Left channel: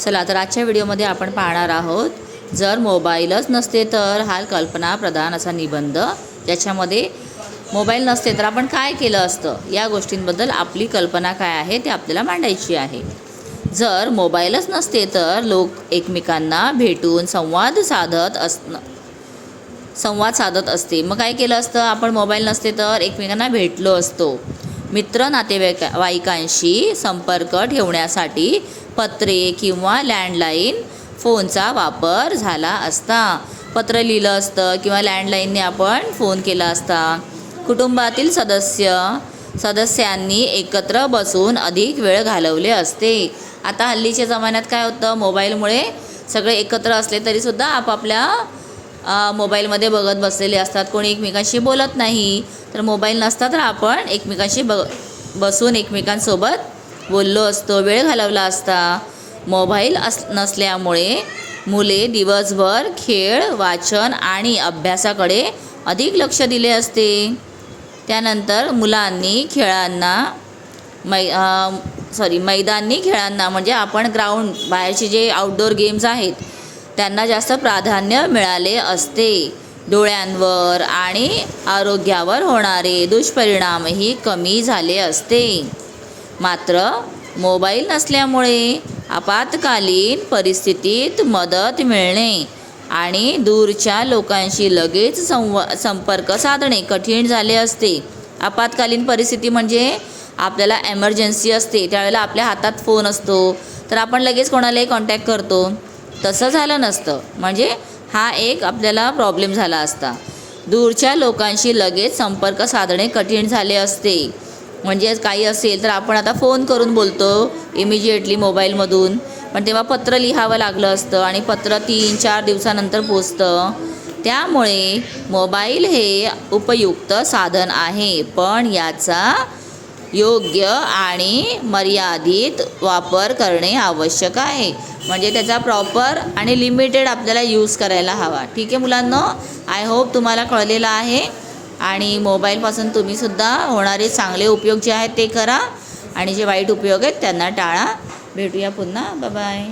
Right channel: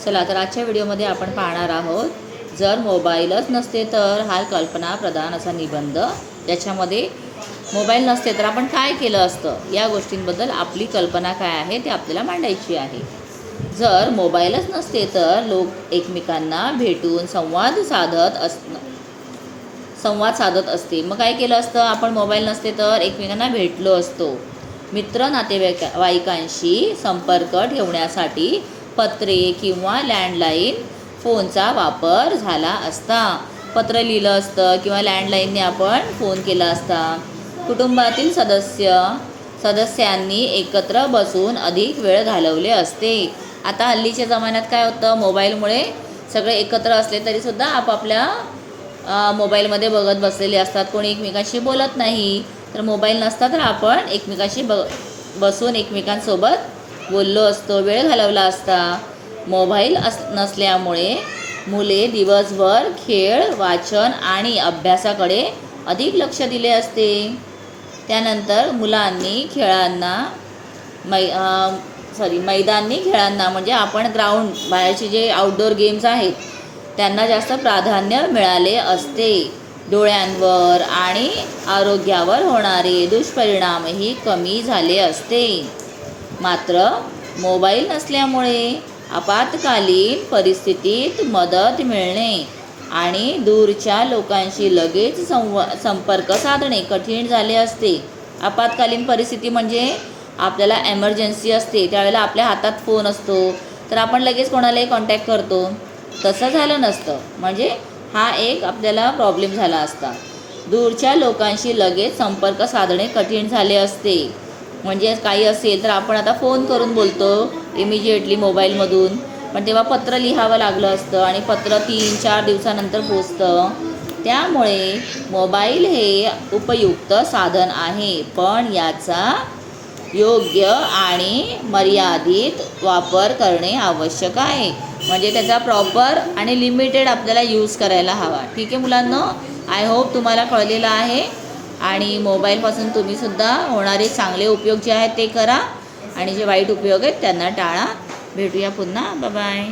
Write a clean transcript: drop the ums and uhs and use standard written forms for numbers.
चला तर आजच्या व्हिडिओमध्ये आपण पाहणार आहोत जर मोबाईलच नसते तर हा कल्पनाप्रधान असा निबंध, ज्याच्यामध्ये मोबाईल नसते तर आपण काय केलं असतं या गोष्टींबद्दल आपली कल्पना काय आहे ते आपल्याला मांडायची आहे। जर मोबाईलच नसते तर लोक एकमेकांना भेटून संवाद साधत असते। मग काय केलं असतं आपण? मोबाईल नसते तर एकमेकांना भेटलो असतो। मित्र नातेवाईकांशी संपर्क ठेवण्यासाठी पत्रे किंवा लँडलाईन फोनचा वापर झाला असता। पत्र लिहिलं असतं किंवा लँडलाईनने आपण फोन केला असता। कुटुंबातील सदस्यांनी एकत्र बसून अधिक वेळ घालवले असते। आता हल्लीच्या जमान्यात काय होतं, मोबाईलमुळे सगळे एकत्र असले तरीसुद्धा आपापल्या मोबाईलमध्ये बघत बसलेले असतात, कोणी एकमेकांशी बोलत नाही। तर मोबाईल नसता तर आपण एकमेकांशी बसून एकमेकांसोबत बोललो असतो, वेळ घालवला असता। मोबाईल नसल्यामुळे मुले दिवसभर खेळ, वाचन आणि अभ्यासाकडे अधिक लक्ष दिले असते। त्यानंतर मुलांनी मैदानी खेळांना म्हणजे आपण ग्राउंड बाहेरचे जे आउटडोर गेम्स आहेत त्यांना जास्त प्राधान्य मिळाले असते। डोळ्यांवर आणि आरोग्यावर होणारे दुष्परिणामही कमी झाले असते। मात्र मोबाईल नसल्यामुळे आपत्कालीन परिस्थितीत मदत मिळणे आणि दूरच्या लोकांशी लगेच संपर्क साधणे कठीण झाले असते। आपत्कालीन परिस्थिती म्हणजे आपल्याला एमर्जन्सी असते, त्यावेळेला आपल्या हातात फोन असतो तर आपण लगेच कोणालाही कॉन्टॅक्ट करतो। तसं झालं नसतं, म्हणजे हा एक आपल्याला प्रॉब्लेम झाला असता। दूरच्या लोकांशी लगेच संपर्क साधणे कठीण झाले असते, म्हणजे काही असेल तर आपण आता फोन करून बोलतो इमिजिएटली मोबाईलमधून, पण तेव्हा पत्र लिहावं लागलं असतं आणि पत्र 3-4 दिवसानंतर पोचतं। त्यामुळे मोबाईल हे उपयुक्त साधन आहे, पण याचा योग्य आणि मर्यादित वापर करणे आवश्यक आहे। म्हणजे त्याचा प्रॉपर आणि लिमिटेड आपल्याला यूज करायला हवा। ठीक आहे मुलांनो, आय होप तुम्हाला कळलेलं आहे आणि मोबाईलपासून तुम्हीसुद्धा होणारे चांगले उपयोग जे आहेत ते करा आणि जे वाईट उपयोग आहेत त्यांना टाळा। भेटूया पुन्हा, बाय बाय।